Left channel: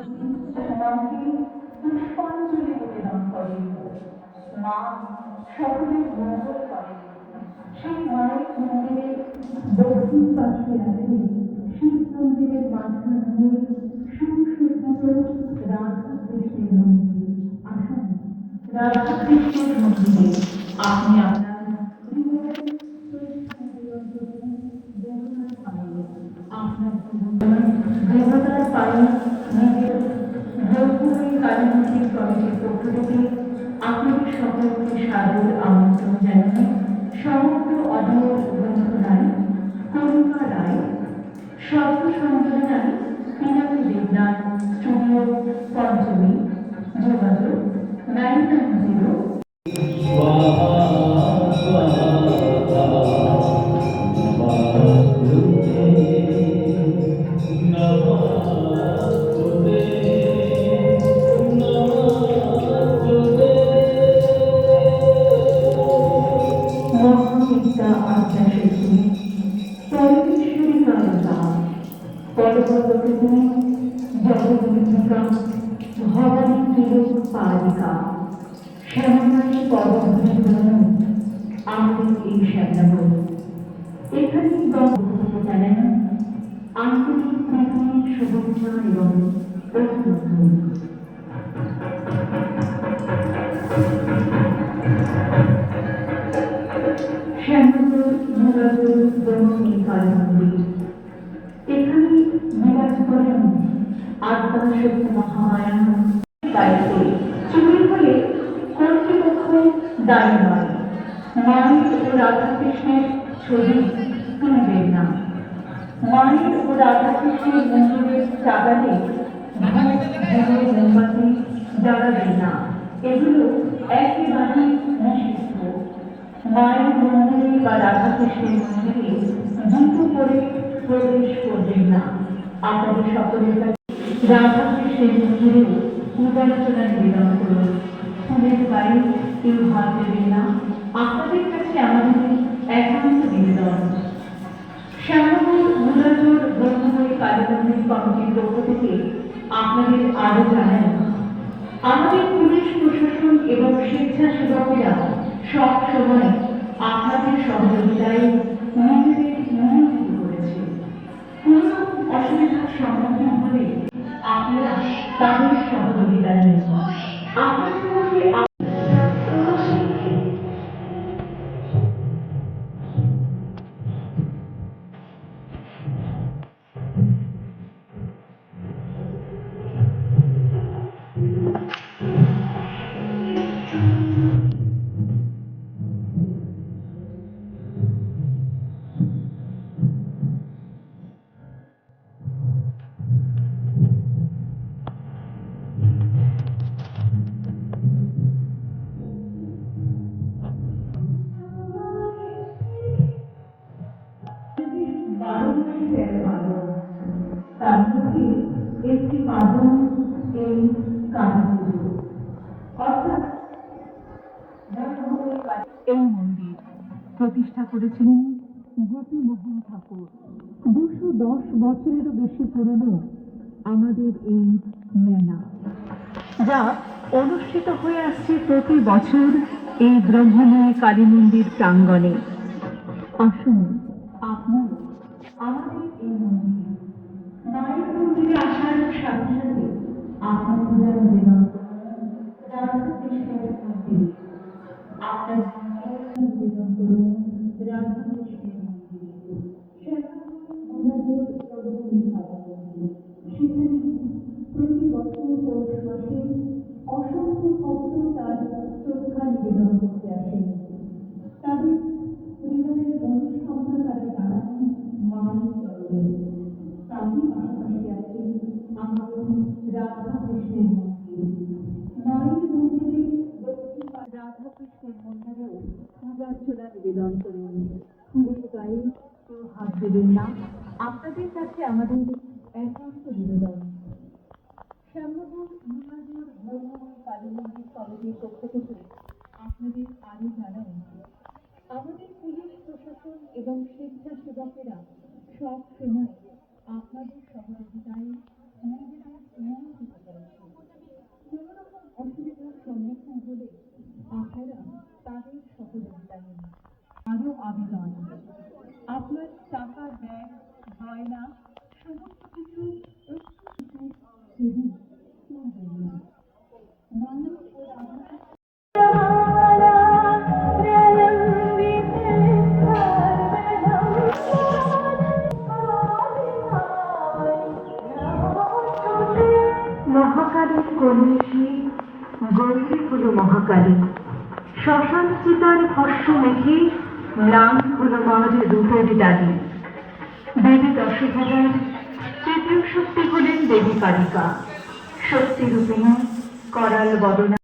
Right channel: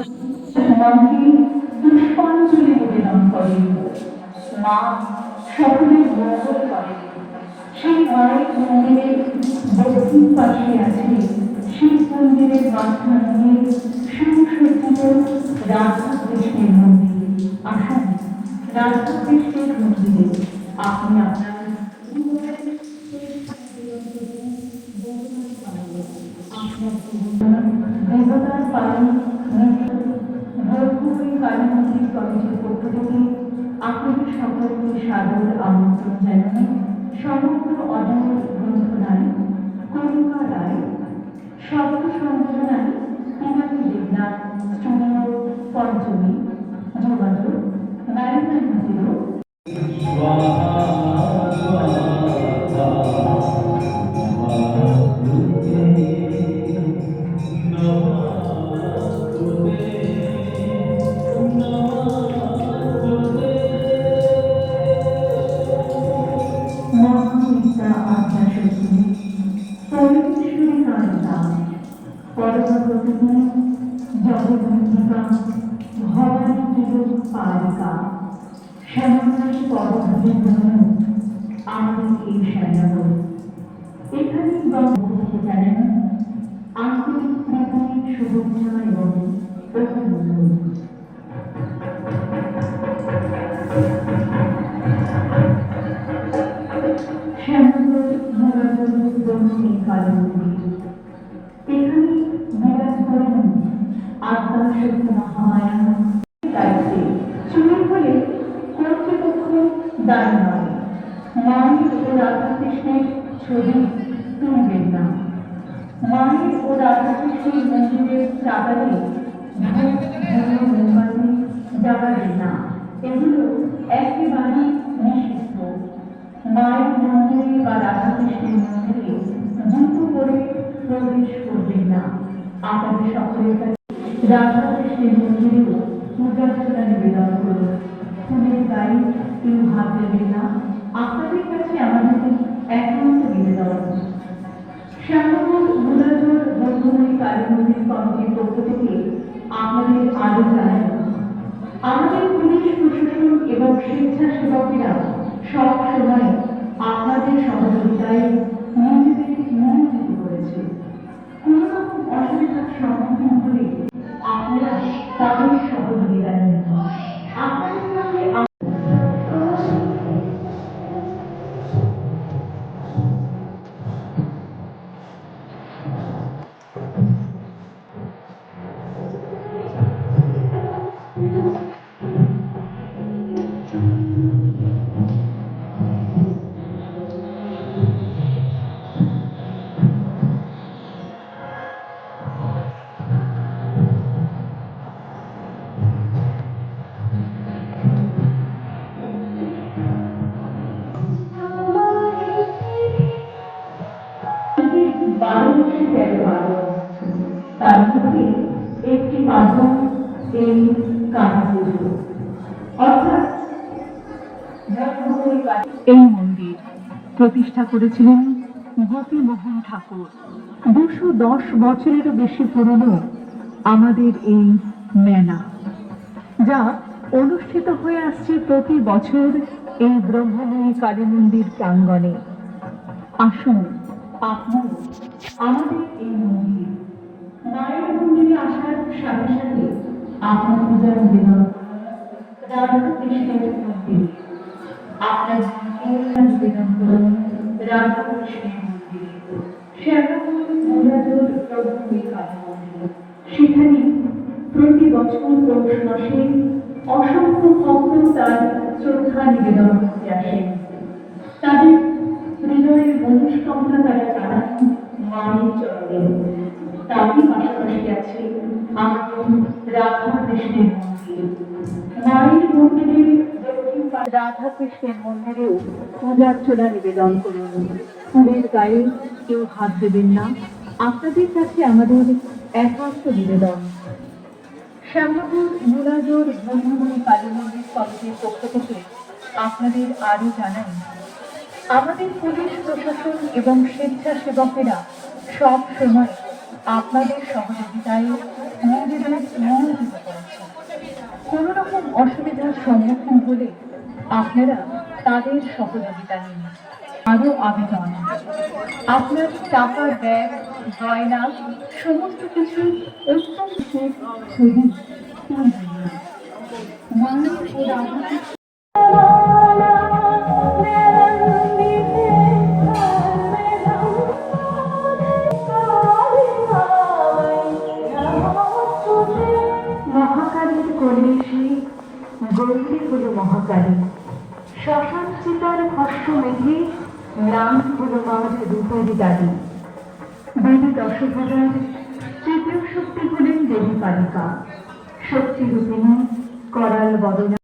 মনকে পুষ্পাঞ্জলি নিবেদন করে। মা সকলের মঙ্গল করে সেই মায়ের মন্দিরের দক্ষিণ পাশে আছে শিব মন্দিরের মাঝখানে মহাবিদ্যা আজ্ঞা সখী পরমেশ্বরী কালিকা পরবর্তী জগদ্দীপিকা ভবানী কিরূপ পালিকা শ্যামাময়ী পদধূলি আমাদের এই শ্যামনগর এখানে গল্প জানেন আন্তরিক শুভেচ্ছা এবং অভিনন্দন এখানে বিরাজ করেন আত্মা শক্তি মহামায়া দায়িত্বে। দায়ী নয় মায়ের ও রাধাকৃষ্ণের ছবি তুলবেন না ও রাধাকৃষ্ণের মন্দিরের চাগালে প্রবেশ করবেন না। আপনাদের সকলের কাছে রাধাকৃষ্ণের মন্দিরেও পূজার্চনা নিবেদন করুন। ফুলের গায়ে কেউ হাত দেবেন না। আপনাদের কাছে আমাদের একান্ত নিবেদন। শ্যামপুর মুরাজোর ব্রহ্মমণি কালী মন্দির কমিটির পক্ষ থেকে আপনাদের আরও জানাই। আমাদের পুলিশ, প্রশাসন এবং স্বেচ্ছাসেবকেরা সব সময় আপনাদের সহযোগিতায় নিজেদের নিয়োজিত করেছে। অসুবিধার সম্মুখীন মাধ্যম এই কালী পুজো এই মন্দির প্রতিষ্ঠা করেছিলেন গোপীমোহন ঠাকুর। দুশো দশ বছরেরও বেশি পুরনো আমাদের এই মেলা, যা অনুষ্ঠিত হয়ে আসছে প্রতি বছর এই ব্রহ্মময় কালী মন্দির প্রাঙ্গণে। আসুন, আপনার আমাদের এই মন্দির মায়ের মন্দিরে আসার সাথে সাথে আপনার পূজা নিবেদন রাধা কৃষ্ণের মন্দির। সেখানে প্রতি বছর পৌষ মাসে অসংখ্য ভক্ত তার শ্রদ্ধা নিবেদন করতে আসেন। তাদের হৃদয়ের মনুষ্কামনা তারা জানান। মায়ের তারই পাশাপাশি আছে। আমাদের রাধা কৃষ্ণের মন্দির মন্দিরের রাধা কৃষ্ণের নিবেদন করুন। ফুলের গায়ে কেউ হাত দেবেন না। আপনাদের কাছে আমাদের নিবেদন। শ্যামপুর মুরাজোর কালী মন্দির কমিটির পক্ষ থেকে আপনাদের আরও জানাই, আমাদের পুলিশ প্রশাসন এবং স্বেচ্ছাসেবকেরা সব সময় আপনাদের সহযোগিতায় নিজেদের নিয়োজিত রকম অসুবিধার সম্মুখীন হলে আপনারা তাদের সহযোগিতা নিন। আরও আবেদন। আপনার টাকা, ব্যাগ, গয়না, সমস্ত কিছু অত্যন্ত ছবি তুলবেন কোলে এসে গৌরী হল মহাকালী শ্মশান সুতার ভস্য মেঘে নাম হল মহাদের রূপের দাদি দেবী দশভূজার তৃতীয় শক্তি হলেন দেবী কালিকা। শক্তি রূপিণী করাল বদনা।